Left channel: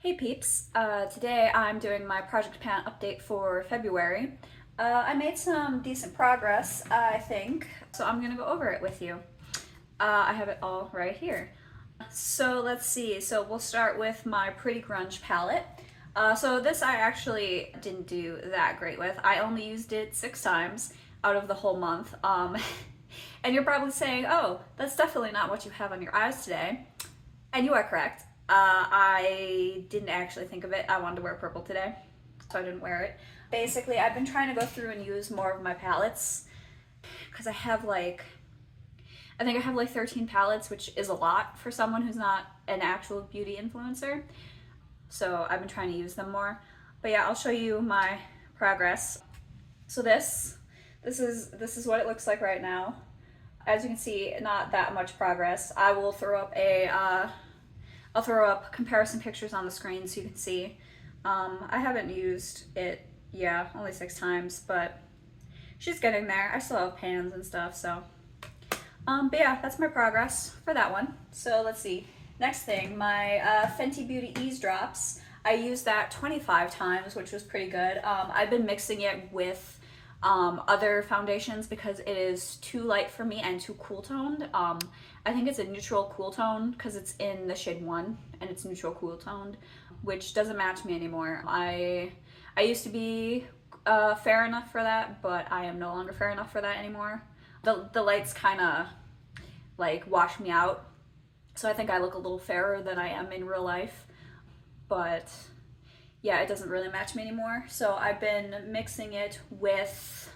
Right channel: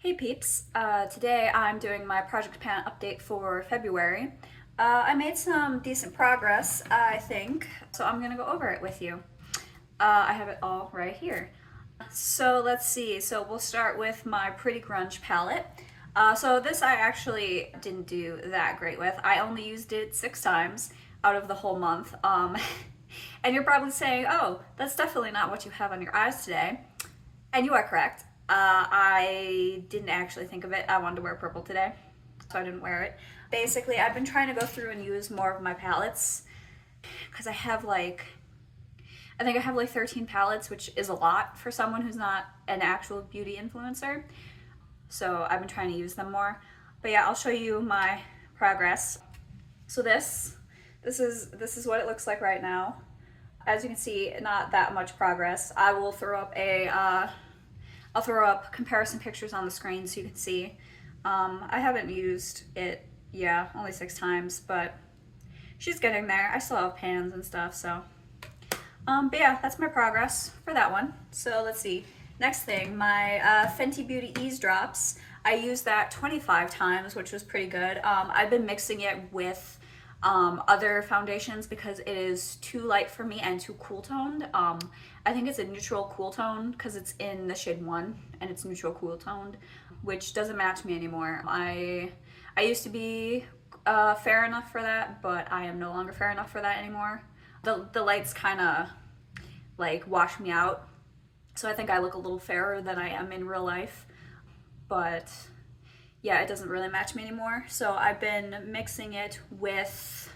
Hey peeps, today I'm doing my project pan update for February. I made some decent progress, I think, so I'm gonna go over it with you. I have it all right here. So let's see, so we'll start with my Pretty Grunge palette. So this I actually didn't do that great with. I only used it 6 times out of the whole month. And you're probably saying, oh, that's definitely not what you have on your eyes today. And you are correct. I didn't actually think of it. I wanted to wear purple today, so I didn't wear it. Basically, I've been trying to go through and use more of my palettes because I think I have like 13 palettes, which is a lot for someone who's not an actual beauty influencer. So I've been trying to use them more. But yeah, I'll show you my progress. So this is what it looks like right now. As you can see, not that much progress. I will throw up I'll throw up comparison pictures on the screen so you can see. I haven't used it, only 6 times, but she's getting there. I still have pans and stuff, so. But yeah, that's my progress for that one. So let's see. Next thing, my Fenty Beauty Eaze drops. I used that 25 times, which was pretty good. I've been mixing it with other foundations because it is too light for me and too cool toned. I think it's a neutral cool tone because it's in the shade 1 and it's neutral cool toned, which doesn't match me anymore. I used to be fair enough for that, but I am no longer fair enough for that anymore. The lights kind of like wash me out, so I think I look a little fairer than I am in real life, but yeah, it doesn't really match me anymore. So I've been mixing it with,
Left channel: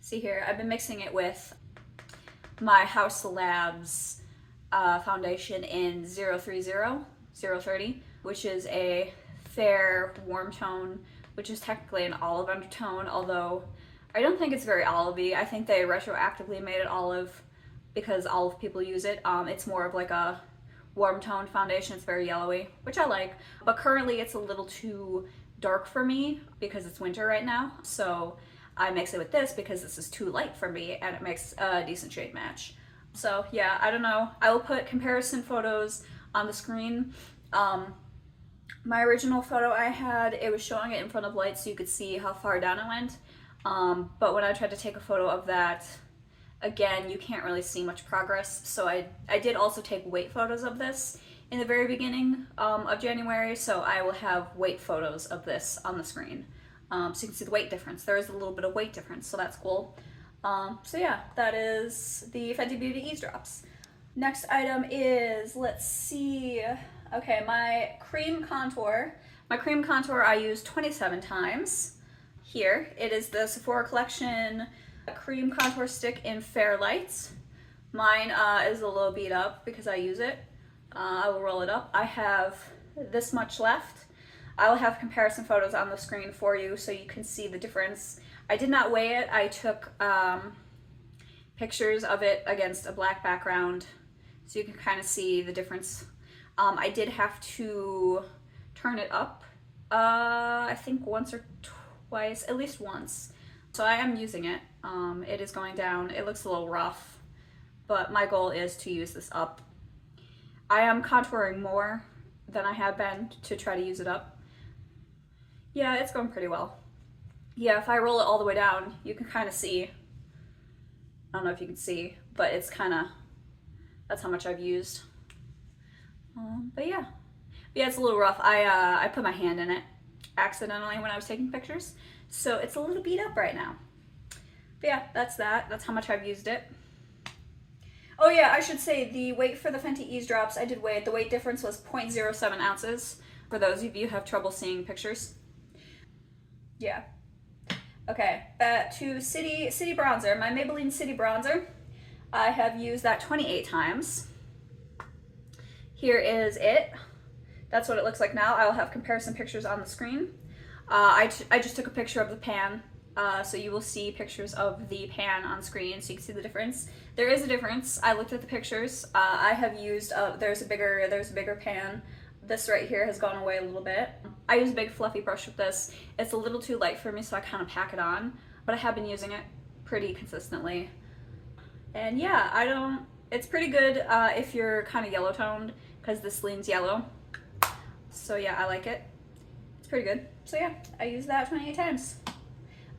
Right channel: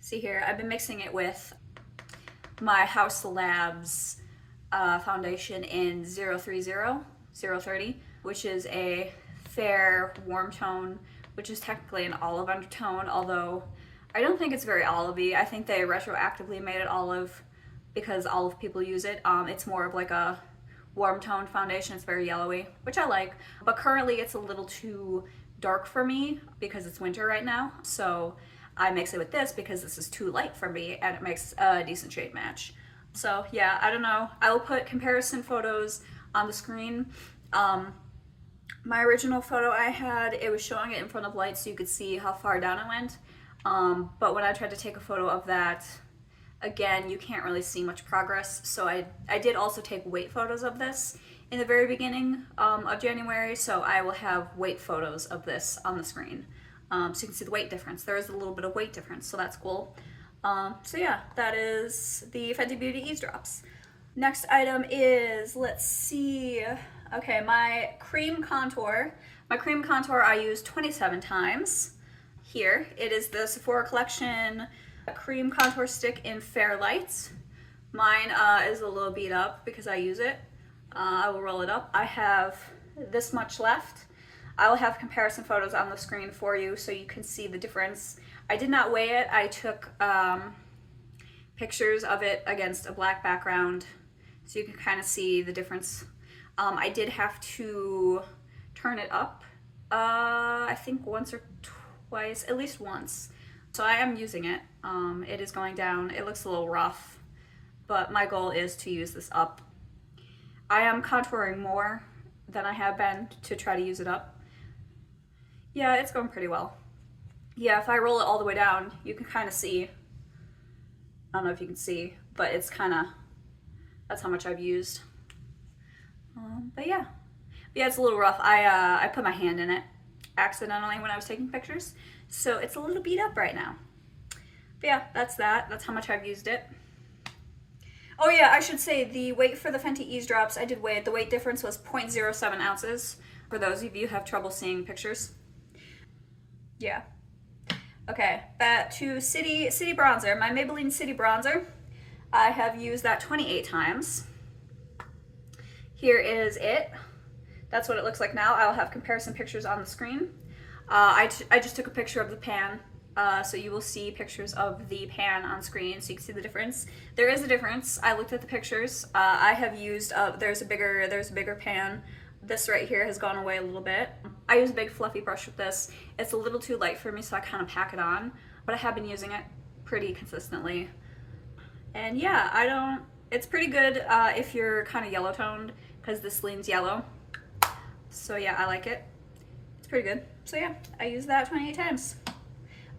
see here, I've been mixing it with my Haus Labs foundation in 030, which is a fair warm tone, which is technically an olive undertone, although I don't think it's very olivey. I think they retroactively made it olive because olive people use it. It's more of like a warm toned foundation. It's very yellowy, which I like, but currently it's a little too dark for me because it's winter right now. So I mix it with this because this is too light for me and it makes a decent shade match. So yeah, I don't know. I will put comparison photos on the screen. My original photo I had, it was showing it in front of light so you could see how far down it went. But when I tried to take a photo of that, again, you can't really see much progress. So I did also take weight photos of this in the very beginning of January. So I will have weight photos of this on the screen. So you can see the weight difference. There is a little bit of weight difference, so that's cool. So yeah, that is the Fenty Beauty Eaze drops. Next item is, let's see, okay, my cream contour. My cream contour I used 27 times. Here, it is the Sephora collection cream contour stick in Fair Lights. Mine is a little beat up because I use it. I will roll it up. I have this much left. I will have comparison photos on the screen for you so you can see the difference. I did not weigh it. I took pictures of it against a black background so you can kind of see the difference. I did have to turn it up, I think once or twice, at least once. So I am using it. It is going down. It looks a little rough, but my goal is to use this up. I am contouring more than I have been to try to use it up. Yeah, it's going pretty well. Yeah, if I roll it all the way down, you can kind of see. I don't know if you can see, but it's kind of, that's how much I've used. But yeah, it's a little rough. I put my hand in it accidentally when I was taking pictures, so it's a little beat up right now. But yeah, that's that. That's how much I've used it. Oh yeah, I should say the weight for the Fenty Eaze drops, I did weigh it. The weight difference was 0.07 ounces for those of you who have trouble seeing pictures. Yeah. Okay, back to City Bronzer. My Maybelline City Bronzer. I have used that 28 times. Here is it. That's what it looks like now. I will have comparison pictures on the screen. I just took a picture of the pan, so you will see pictures of the pan on screen so you can see the difference. There is a difference. I looked at the pictures. I have used, there's a bigger pan. This right here has gone away a little bit. I use a big fluffy brush with this. It's a little too light for me, so I kind of pack it on, but I have been using it pretty consistently. And yeah, it's pretty good if you're kind of yellow toned because this leans yellow. So yeah, I like it. It's pretty good. So yeah, I use that 28 times.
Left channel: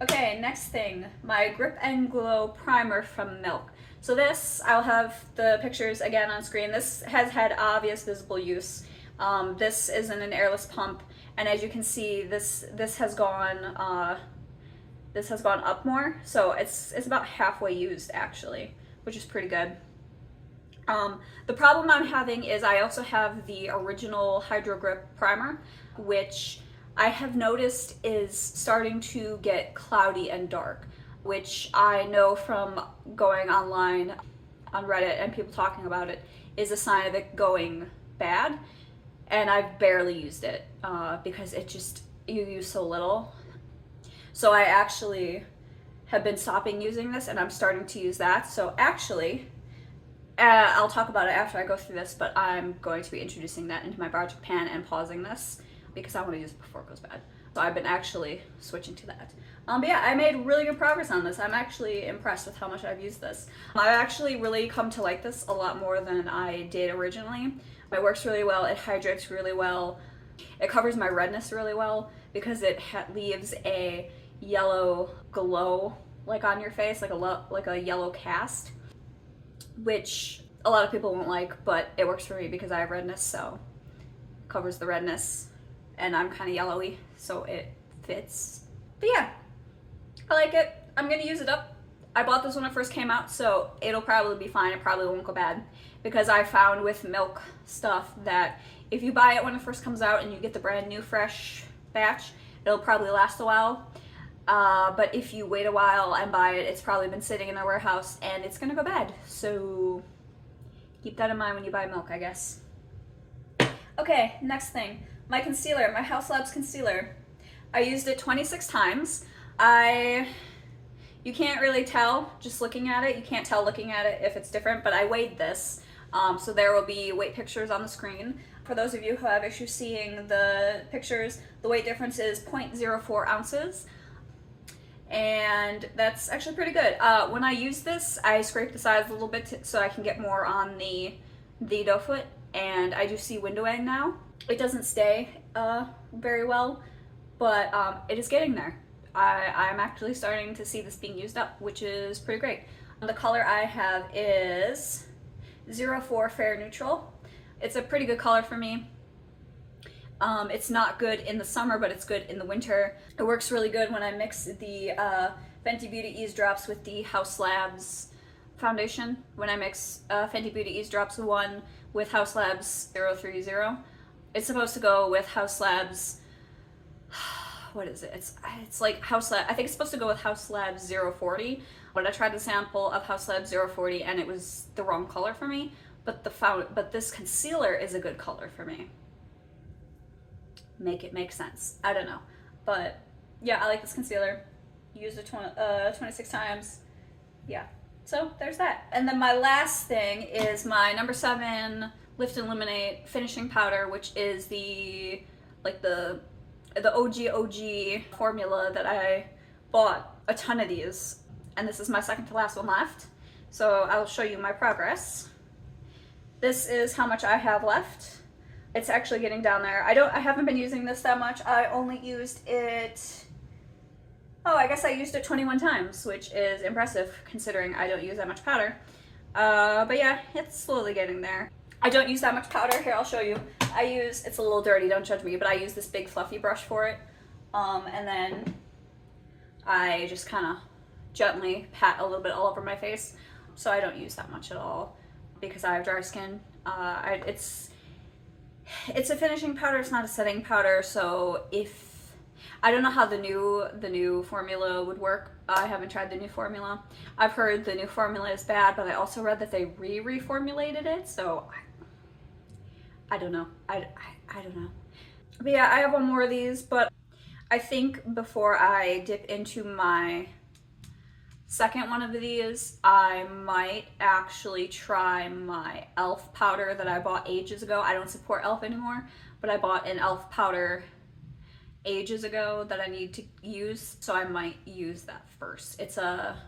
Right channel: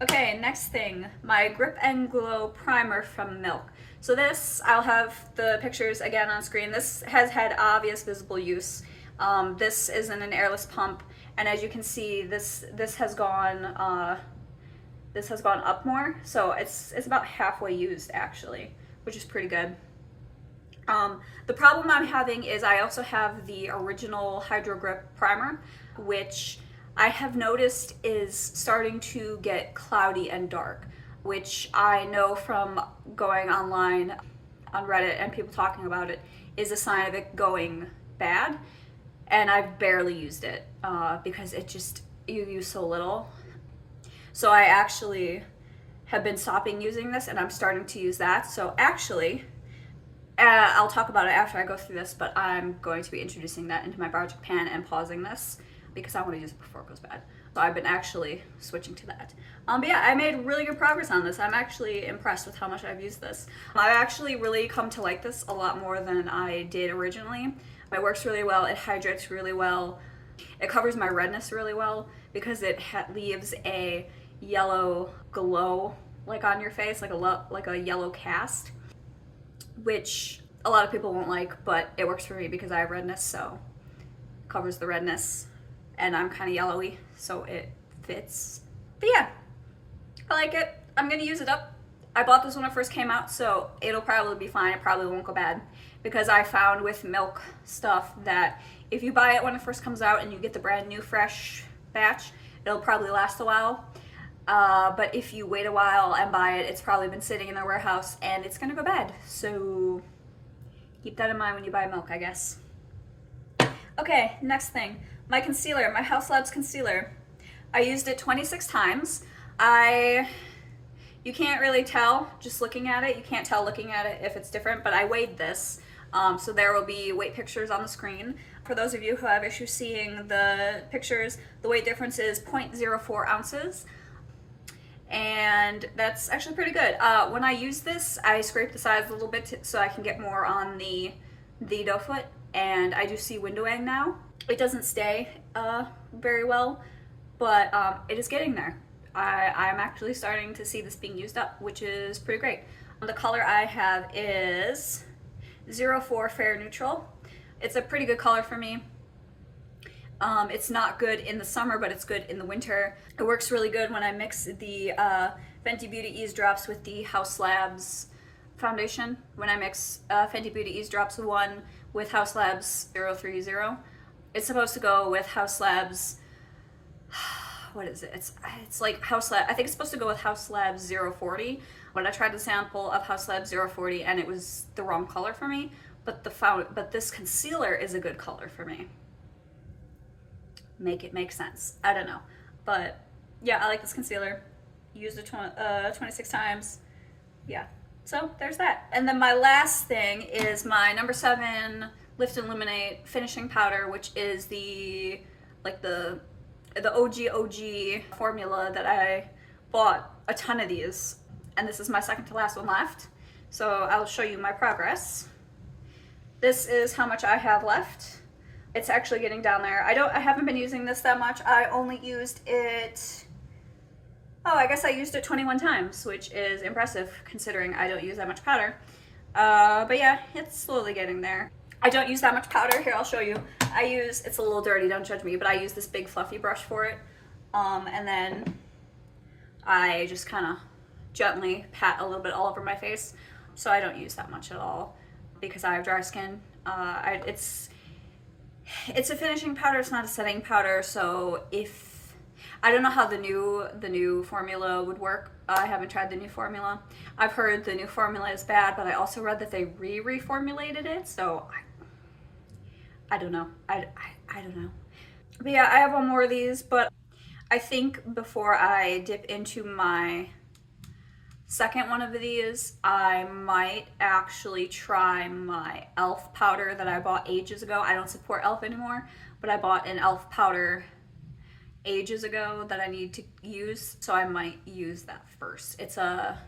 Okay, next thing, my Grip and Glow Primer from Milk. So this, I'll have the pictures again on screen. This has had obvious visible use. This is in an airless pump, and as you can see, this has gone up more. So it's about halfway used actually, which is pretty good. The problem I'm having is I also have the original Hydrogrip primer, which I have noticed is starting to get cloudy and dark, which I know from going online on Reddit and people talking about it is a sign of it going bad. And I've barely used it because it just, you use so little. So I actually have been stopping using this and I'm starting to use that. So actually, I'll talk about it after I go through this, but I'm going to be introducing that into my project pan and pausing this because I want to use it before it goes bad. So I've been actually switching to that. But yeah, I made really good progress on this. I'm actually impressed with how much I've used this. I've actually really come to like this a lot more than I did originally. It works really well, it hydrates really well, it covers my redness really well because it leaves a yellow glow like on your face, like a yellow cast, which a lot of people won't like, but it works for me because I have redness, so it covers the redness, and I'm kind of yellowy, so it fits. But yeah, I like it. I'm gonna use it up. I bought this when it first came out, so it'll probably be fine. It probably won't go bad because I found with Milk stuff that if you buy it when it first comes out and you get the brand new fresh batch, it'll probably last a while. But if you wait a while and buy it, it's probably been sitting in their warehouse and it's gonna go bad. So keep that in mind when you buy Milk, I guess. Okay, next thing, my concealer, my Haus Labs concealer. I used it 26 times. You can't really tell just looking at it. You can't tell looking at it if it's different, but I weighed this. So there will be weight pictures on the screen. For those of you who have issues seeing the pictures, the weight difference is 0.04 ounces. And that's actually pretty good. When I use this, I scrape the sides a little bit so I can get more on the doe foot, and I do see windowing now. It doesn't stay very well, but it is getting there. I'm actually starting to see this being used up, which is pretty great. The color I have is 04 Fair Neutral. It's a pretty good color for me. It's not good in the summer, but it's good in the winter. It works really good when I mix the Fenty Beauty Eaze Drops with the Haus Labs foundation. When I mix Fenty Beauty Eaze Drops 1 with Haus Labs 030. It's supposed to go with Haus Labs, what is it? It's like Haus Labs, I think it's supposed to go with Haus Labs 040, but I tried the sample of Haus Labs 040 and it was the wrong color for me, but this concealer is a good color for me. Make it make sense. I don't know. But yeah, I like this concealer. Used it 26 times. Yeah. So there's that. And then my last thing is my number 7 Lift and Luminate finishing powder, which is the OG formula that I bought a ton of these. And this is my second to last one left. So I'll show you my progress. This is how much I have left. It's actually getting down there. I haven't been using this that much. I only used it, I guess I used it 21 times, which is impressive considering I don't use that much powder. But yeah, it's slowly getting there. I don't use that much powder. Here, I'll show you. It's a little dirty, don't judge me, but I use this big fluffy brush for it. And then I just kind of gently pat a little bit all over my face. So I don't use that much at all because I have dry skin. It's a finishing powder, it's not a setting powder, so I don't know how the new formula would work. I haven't tried the new formula. I've heard the new formula is bad, but I also read that they reformulated it, so I don't know. I don't know. But yeah, I have one more of these, but I think before I dip into my second one of these, I might actually try my e.l.f. powder that I bought ages ago. I don't support e.l.f. anymore, but I bought an e.l.f. powder ages ago that I need to use, so I might use that first. It's a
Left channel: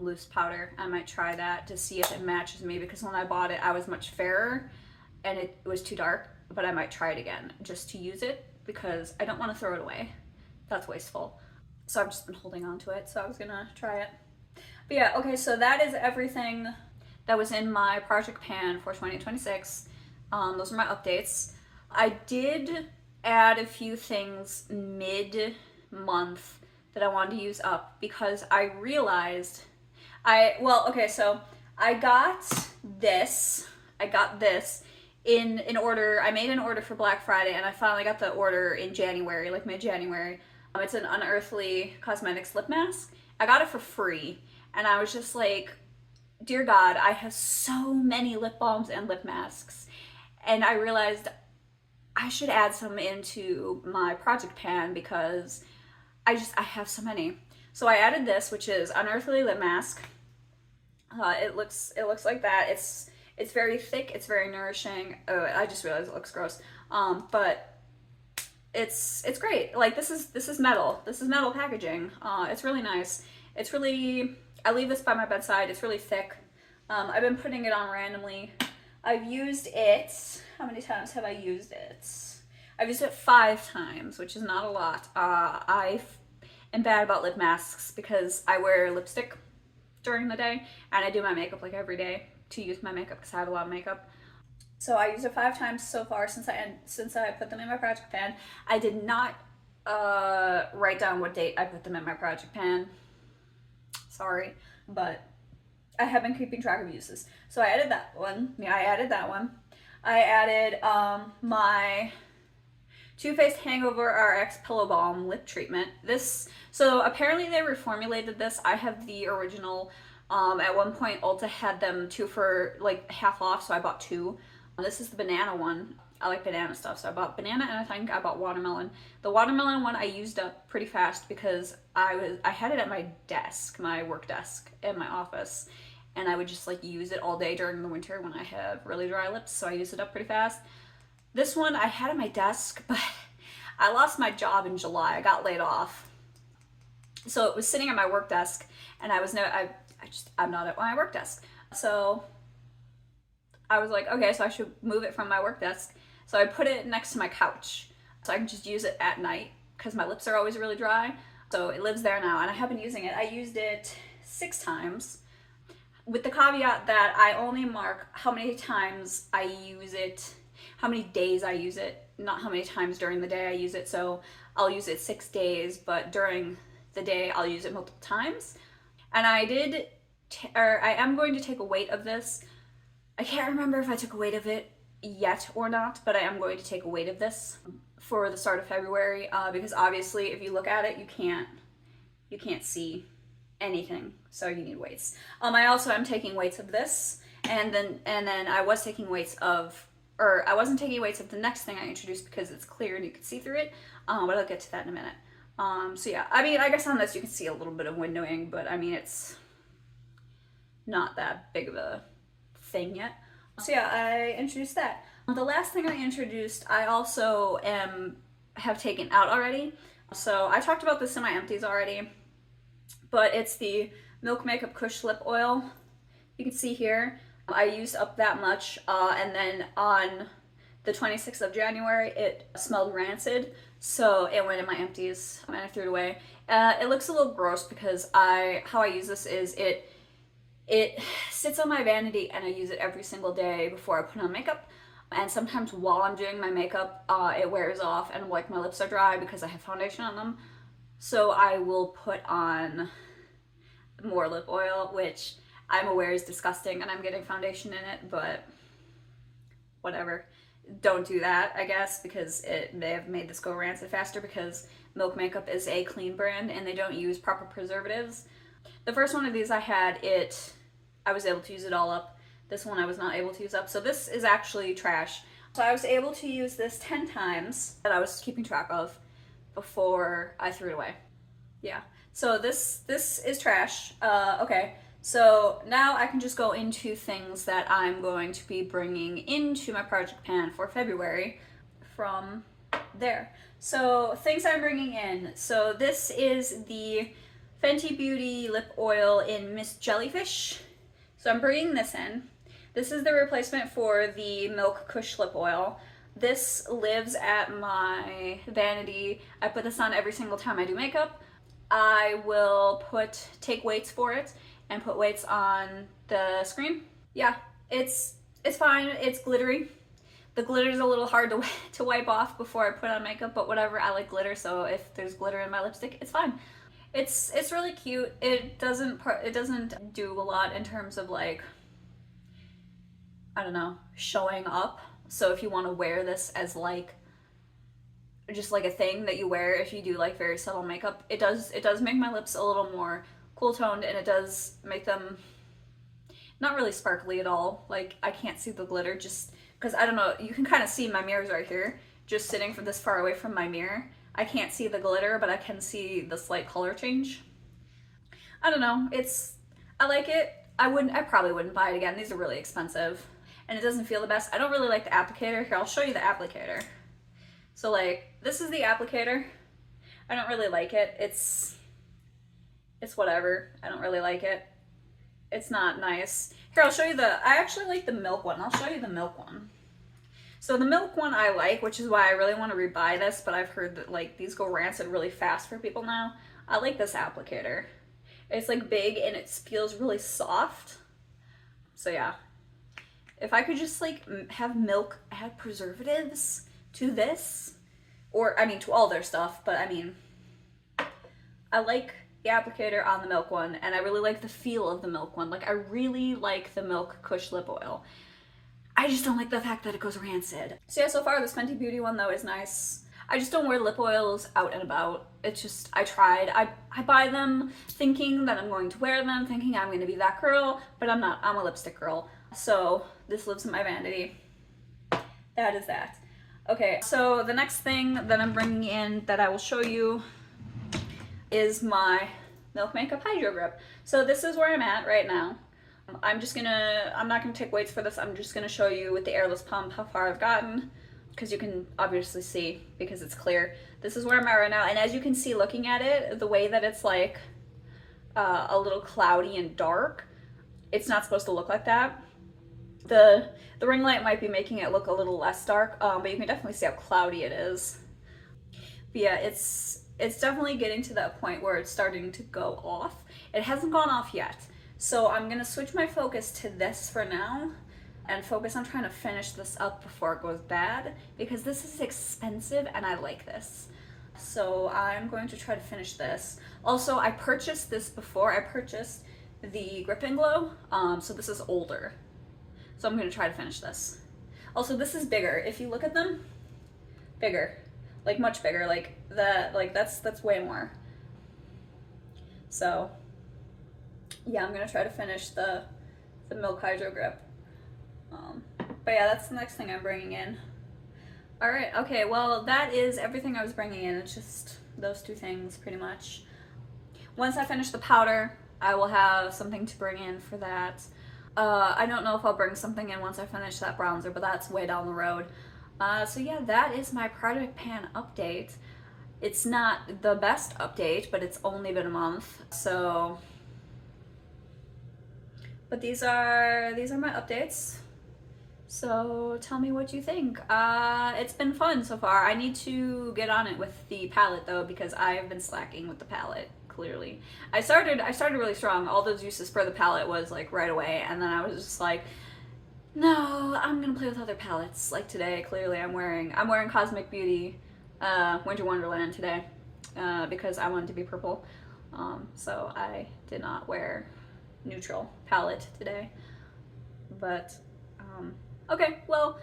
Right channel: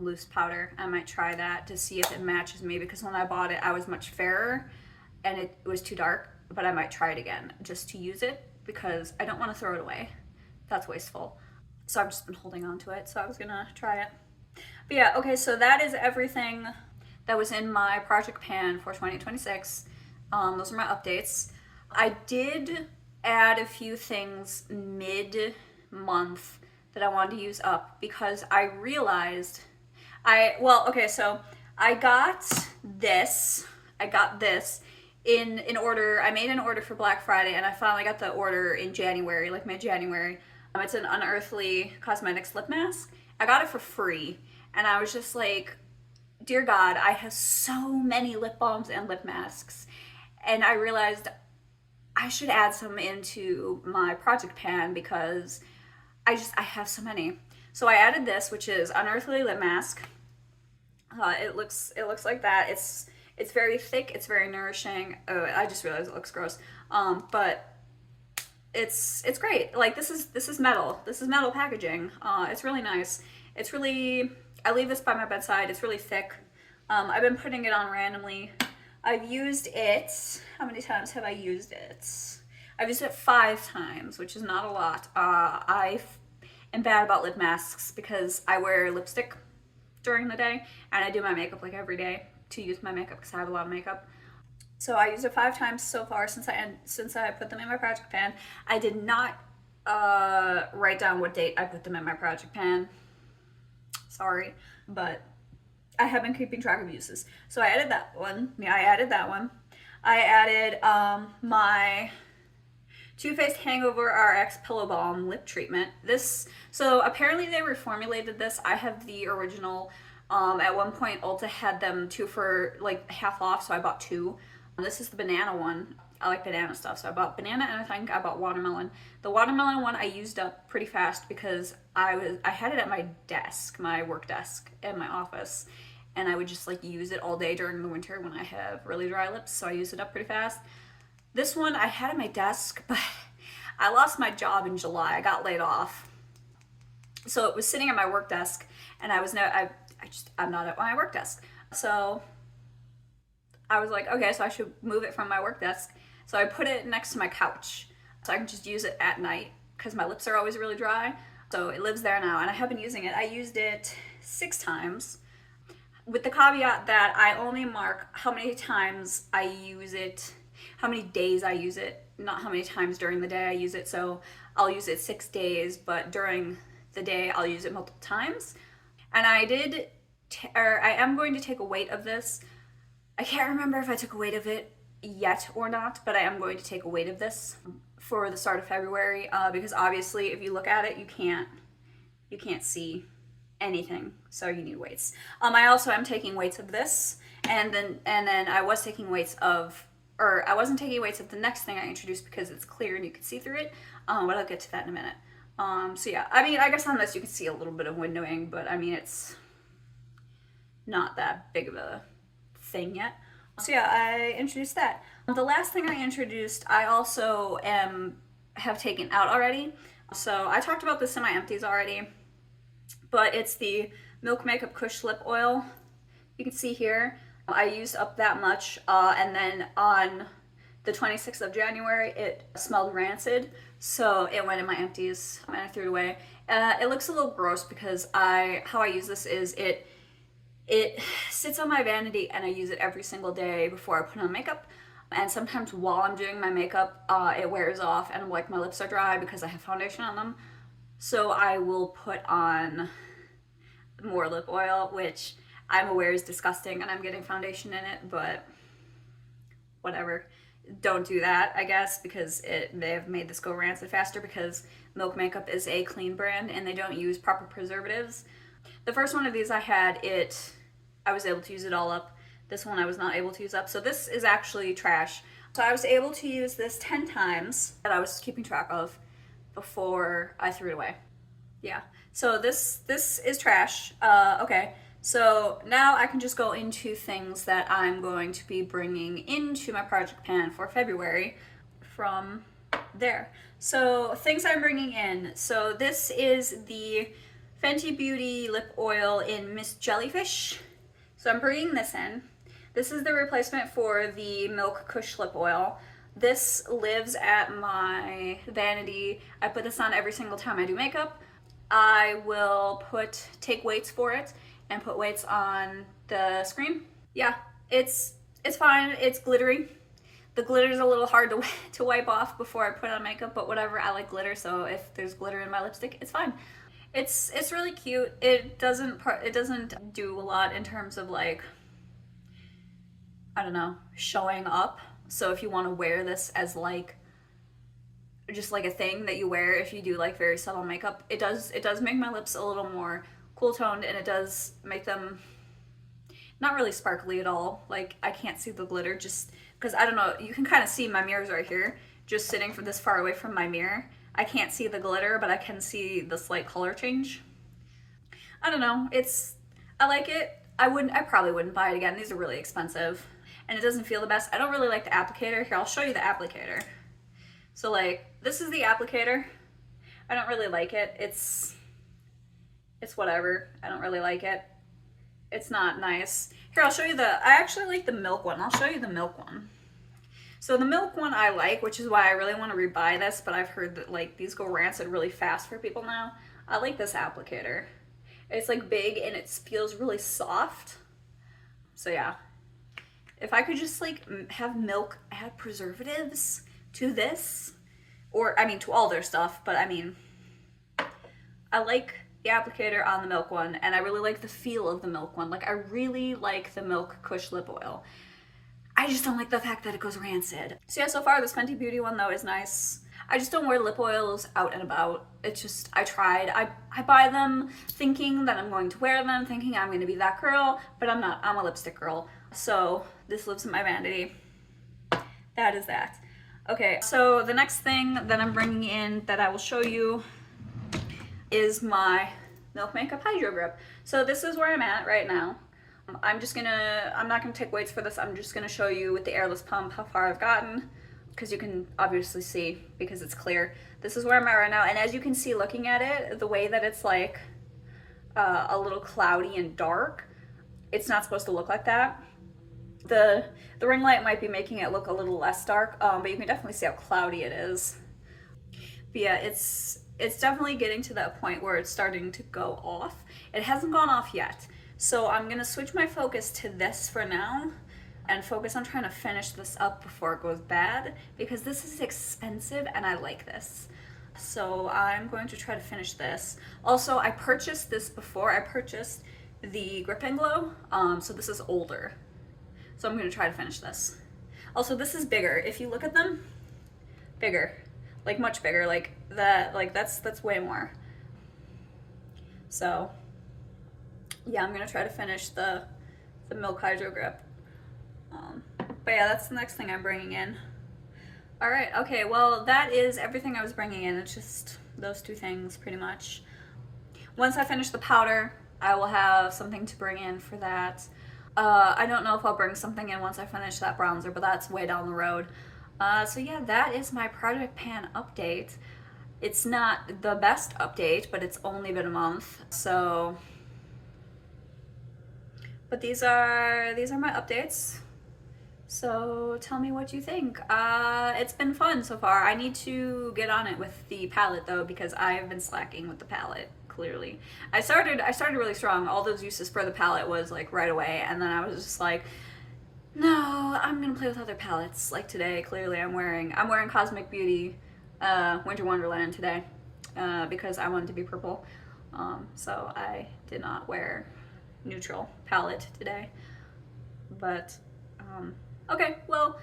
loose powder. I might try that to see if it matches me, because when I bought it I was much fairer and it was too dark, but I might try it again just to use it because I don't want to throw it away. That's wasteful. So I've just been holding on to it, so I was gonna try it. But yeah, okay, so that is everything that was in my project pan for 2026. Those are my updates. I did add a few things mid-month that I wanted to use up because I realized so I got this in order. I made an order for Black Friday and I finally got the order in January, like mid-January. It's an Unearthly Cosmetics lip mask. I got it for free and I was just like, dear God, I have so many lip balms and lip masks. And I realized I should add some into my project pan because I have so many. So I added this, which is Unearthly lip mask. It looks like that. It's very thick. It's very nourishing. Oh, I just realized it looks gross. But it's great. Like this is metal. This is metal packaging. It's really nice. I leave this by my bedside. It's really thick. I've been putting it on randomly. I've used it. How many times have I used it? I've used it 5 times, which is not a lot. I am bad about lip masks because I wear lipstick during the day and I do my makeup like every day to use my makeup because I have a lot of makeup. So I used it 5 times so far since I put them in my project pan. I did not write down what date I put them in my project pan. Sorry, but I have been keeping track of uses. So I added that one. I added my Too Faced Hangover RX Pillow Balm Lip Treatment. So apparently they reformulated this. I have the original. At one point Ulta had them 2 for like half off, so I bought 2. This is the banana one. I like banana stuff, so I bought banana and I think I bought watermelon. The watermelon one I used up pretty fast because I had it at my desk, my work desk in my office, and I would just like use it all day during the winter when I have really dry lips, so I used it up pretty fast. This one I had at my desk, but I lost my job in July. I got laid off. So it was sitting at my work desk and I'm not at my work desk. So I was like, okay, so I should move it from my work desk. So I put it next to my couch so I can just use it at night because my lips are always really dry. So it lives there now and I have been using it. I used it 6 times with the caveat that I only mark how many times I use it, how many days I use it, not how many times during the day I use it. So I'll use it 6 days, but during the day I'll use it multiple times. And I am going to take a weight of this. I can't remember if I took a weight of it yet or not, but I am going to take a weight of this for the start of February because obviously if you look at it, you can't see anything, so you need weights. I also am taking weights of this, and then I was taking weights of, or I wasn't taking weights of the next thing I introduced because it's clear and you can see through it, but I'll get to that in a minute. So yeah, I mean, I guess on this you can see a little bit of windowing, but I mean, it's not that big of a thing yet. So yeah, I introduced that. The last thing I introduced, I also have taken out already. So I talked about this in my empties already, but it's the Milk Makeup Kush Lip Oil. You can see here, I used up that much, and then on the 26th of January, it smelled rancid, so it went in my empties, and I threw it away. It looks a little gross because how I use this is it sits on my vanity and I use it every single day before I put on makeup. And sometimes while I'm doing my makeup, it wears off and like my lips are dry because I have foundation on them. So I will put on more lip oil, which I'm aware is disgusting and I'm getting foundation in it, but whatever. Don't do that, I guess, because they have made this go rancid faster because Milk Makeup is a clean brand and they don't use proper preservatives. The first one of these I had, I was able to use it all up. This one I was not able to use up. So this is actually trash. So I was able to use this 10 times that I was keeping track of before I threw it away. Yeah. So this is trash. Okay. So now I can just go into things that I'm going to be bringing into my project pan for February from there. So things I'm bringing in. So this is the Fenty Beauty Lip Oil in Miss Jellyfish. So I'm bringing this in. This is the replacement for the Milk Kush Lip Oil. This lives at my vanity. I put this on every single time I do makeup. I will take weights for it and put weights on the screen. Yeah, it's fine. It's glittery. The glitter's a little hard to wipe off before I put on makeup, but whatever, I like glitter, so if there's glitter in my lipstick, it's fine. It's really cute. It doesn't do a lot in terms of like, I don't know, showing up. So if you want to wear this as like just like a thing that you wear if you do like very subtle makeup, it does make my lips a little more cool toned, and it does make them not really sparkly at all. Like I can't see the glitter just because I don't know, you can kind of see my mirror's right here, just sitting from this far away from my mirror. I can't see the glitter, but I can see the slight color change. I don't know, I like it. I probably wouldn't buy it again. These are really expensive and it doesn't feel the best. I don't really like the applicator. Here, I'll show you the applicator. So like, this is the applicator. I don't really like it. It's whatever. I don't really like it. It's not nice. Here, I'll show you I actually like the milk one. I'll show you the milk one. So the milk one I like, which is why I really want to rebuy this, but I've heard that like these go rancid really fast for people now. I like this applicator. It's like big and it feels really soft. So yeah, if I could just like have milk add preservatives to this, or I mean to all their stuff, but I mean, I like the applicator on the milk one, and I really like the feel of the milk one. Like I really like the milk Kush lip oil. I just don't like the fact that it goes rancid. So yeah, so far this Fenty Beauty one though is nice. I just don't wear lip oils out and about. It's just, I tried. I buy them thinking that I'm going to wear them, thinking I'm going to be that girl, but I'm not. I'm a lipstick girl. So this lives in my vanity. That is that. Okay, so the next thing that I'm bringing in that I will show you is my Milk Makeup Hydrogrip. So this is where I'm at right now. I'm not gonna take weights for this. I'm just gonna show you with the airless pump how far I've gotten, because you can obviously see because it's clear. This is where I'm at right now, and as you can see looking at it, the way that it's like a little cloudy and dark, it's not supposed to look like that. The ring light might be making it look a little less dark, but you can definitely see how cloudy it is. But yeah, it's definitely getting to that point where it's starting to go off. It hasn't gone off yet. So I'm gonna switch my focus to this for now and focus on trying to finish this up before it goes bad, because this is expensive and I like this. So I'm going to try to finish this. Also, I purchased this before. I purchased the Grip and Glow, so this is older. So I'm gonna try to finish this. Also, this is bigger. If you look at them, bigger, like much bigger, like that, like that's way more. So yeah, I'm gonna try to finish the Milk Hydrogrip. But yeah, that's the next thing I'm bringing in. All right, okay, well that is everything I was bringing in. It's just those two things pretty much. Once I finish the powder, I will have something to bring in for that. I don't know if I'll bring something in once I finish that bronzer, but that's way down the road. So yeah, that is my project pan update. It's not the best update, but it's only been a month, so. But these are my updates. So tell me what you think. It's been fun so far. I need to get on it with the palette though, because I have been slacking with the palette. Clearly, I started really strong. All those uses for the palette was like right away, and then I was just like, no, I'm gonna play with other palettes. Like today, clearly I'm wearing Cosmic Beauty Winter Wonderland today because I wanted to be purple. So I did not wear neutral palette today. But okay, well,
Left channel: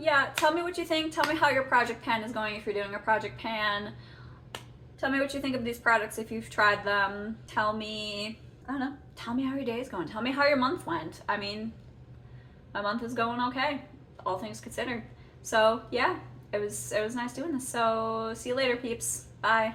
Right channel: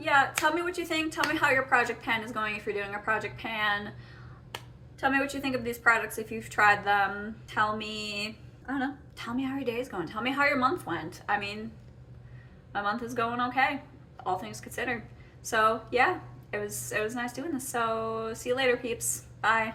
yeah, tell me what you think. Tell me how your project pan is going if you're doing a project pan. Tell me what you think of these products if you've tried them. Tell me, I don't know, tell me how your day is going. Tell me how your month went. I mean, my month is going okay, all things considered. So yeah, it was nice doing this. So see you later, peeps. Bye.